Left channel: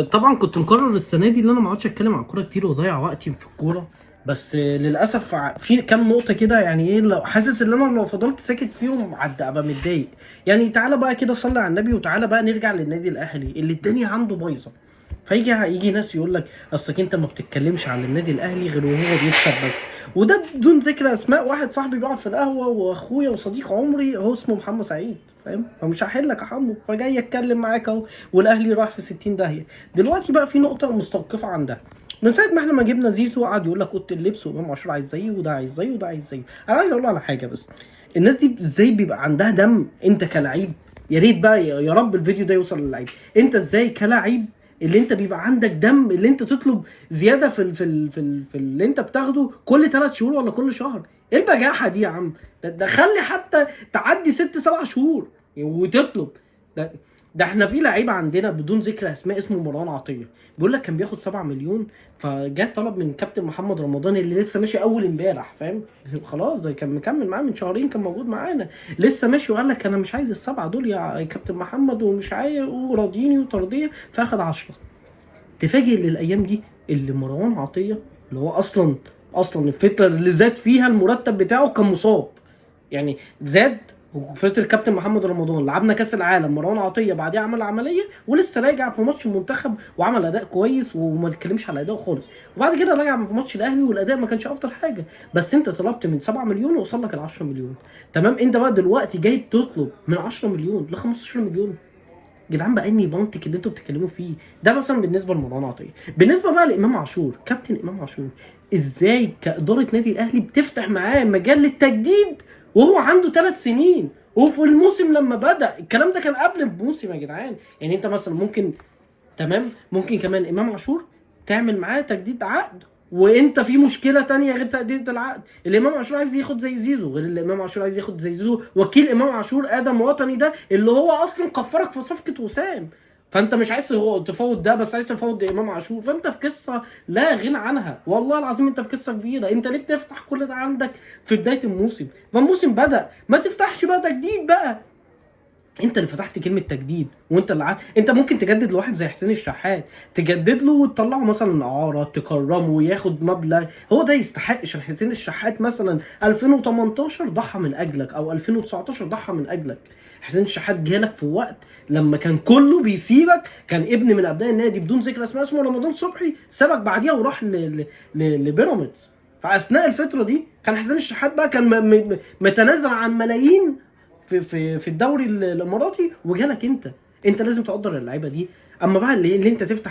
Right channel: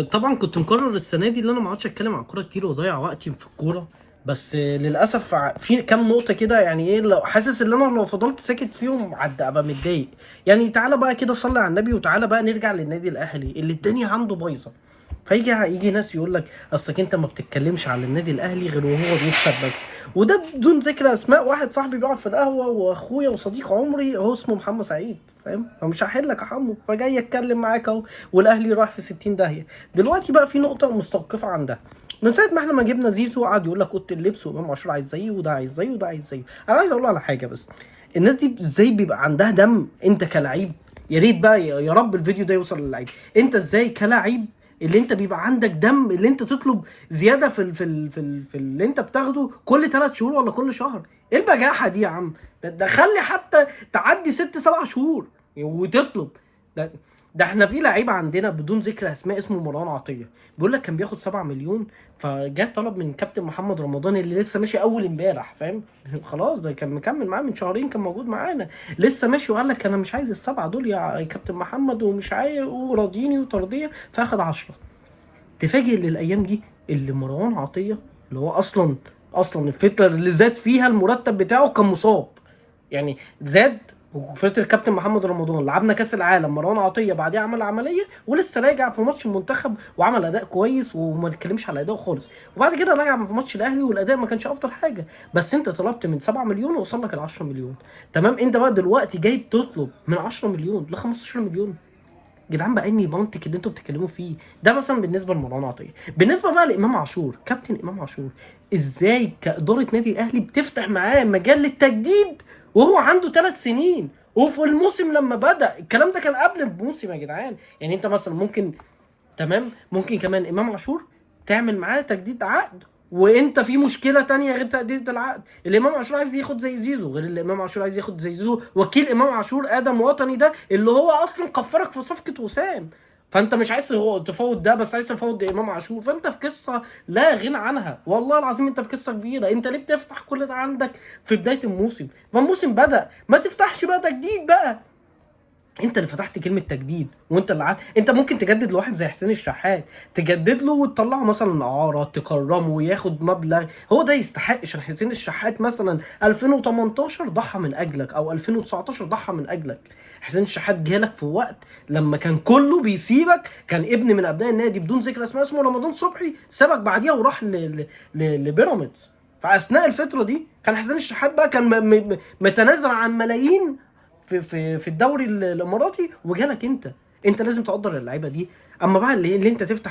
طبعا كنت مقرر السنه دي اللي انا ما اقعدش اتكلم عن الكوره كتير واضيع وقتي في الكوره. بس للاسف في كام نقطه كده، يعني ايه، لو حاسس ان انا لو فضلت ساكت فيهم ابقى متضايق. يعني تعالى بقى كده صلي على النبي، وتعالى بقى نرجع للنادي الاهلي اللي الدنيا عنده بايظه. يجي ناس يقول لك اصلك انت ما بتتكلمش على النادي الاهلي غير وهو بيكسب بس. وده بدون ذكر اسماء، واحد صاحبي بيقعد في القهوه واخويا وصديق عمري هو اسمه محمد سعيد، فاهم؟ فمش هحل لك يا حمو، فجاي اتكلم معاك اهو. والاهلي راح في 60 داهيه. دلوقتي بقى في نقطه مستوقفه عندها. من ساعه ما احنا ما جبنا زيزو قعد يقول لك اوضه اللبس وامام عاشور عايز زيه، وده عايز زيه، وده عايز زيه. انا عايز اقول على حاجه بس. الناس دي ازاي بيبقى عندها دم انت كلاعب؟ يا ريت بقى يا رب الفيديو ده يوصل للعيب. انت ازاي كلاعب اللي انت بيبقى عندك دم اللي انت تطلب زياده في اللي انت بتاخده كل 3 شهور ولا كل شهر؟ ايه البجاحه دي يا عم؟ ده خلي حتى تعدي 6 7 شهور وتطلب. ده احنا في لعيبه عندنا بدون ذكر اسماء اسمه مروان عطيه، بيقول لك كان بياخد 7 مليون، فجاء طلب من كابتن محمد رمضان اللي لسه ماشي اول امبارح، فاهم؟ خلاص ده كان مكمل معاه من شهرين، كان موجود معانا لسه ماشي، وقال لك انا مش عايز ال7 دول يا كابتن محمد، ومش عايز، وراضيني وترضيه، فاخد 10. تفاجئ للايام دي اللي مروان عطيه اللي هو اصلا الفتره اللي زاد فيها المرتب بتاعه كان مصاب، يعني زاد. وفتره كابتن محمد رمضان لعبنا كاس العالم، مروان عطيه بعديها عمل عمليه ولسه راجع في ماتش المنتخب وعمل اداء كويس، وما نتكلمش على اداؤه خالص. وبعد كده راجع في ماتش الاهلي والاداء ما كانش افضل حاجه. بس انت طلبت من 7 مليون ووصل لك ال 10 مليون. تمام، انت بقى دلوقتي جاي تطلب من 10 مليون ل 15 مليون. جدعان بقى اني منطق اللي انتوا بتتكلموا فيه ده مثلا بالنسبه لمروان عطيه. بالنسبه بقى لامام عاشور، كابتن امام عاشور، ازاي كاداره نادي الاهلي بتفتح معاه مجال للتجديد وهو عنده 3 سنين؟ وفي الموسم لما بدا الكلام ده كان قبل الموسم يا جدعان. يعني انت مثلا ممكن، تمام، ممكن كمان امام عاشور تعمل معاه تجديد عقد، وانت في مشكله تانية غير تجديد العقد. الامام عاشور عايز ياخد زي زيزو، غير الامام عاشور عايز ياخد زي زيزو وكيل امام عاشور ادم وطني ده اللي هو اصلا كفرك في صفقه وسام. فانت مش عايز تفوض ده، بس عايز تفوض امام عاشور، فانت في قصه لا غنى عنها. والله العظيم انت في قصه كبيره. انت ليه بتفتح كل ده عندك في بدايه الموسم؟ ما الموسم بدا، ما تفتحش بقى تجديد بقى. انت اللي فتحت كلمه تجديد، وانت اللي انت ممكن تجدد لواحد زي حسين الشحات، تجدد له وتطلعه مثلا اعاره، تكرمه وياخد مبلغ هو ده يستحق. عشان حسين الشحات مثلا 2018 ضحى من اجلك، او 2019 ضحى من اجلك. حسين الشحات جالك في وقت لما كان كله بيسيبك، كان ابن من ابناء النادي بدون ذكر اسماء اسمه رمضان صبحي سابك بعديها وراح لبيراميدز. فاثناء الفتره دي كان حسين الشحات بقى كان متنازل عن ملايين في الدوري الاماراتي، وجالك انت. انت لازم تقدر اللعيبه دي. اما بقى اللي انت تفتح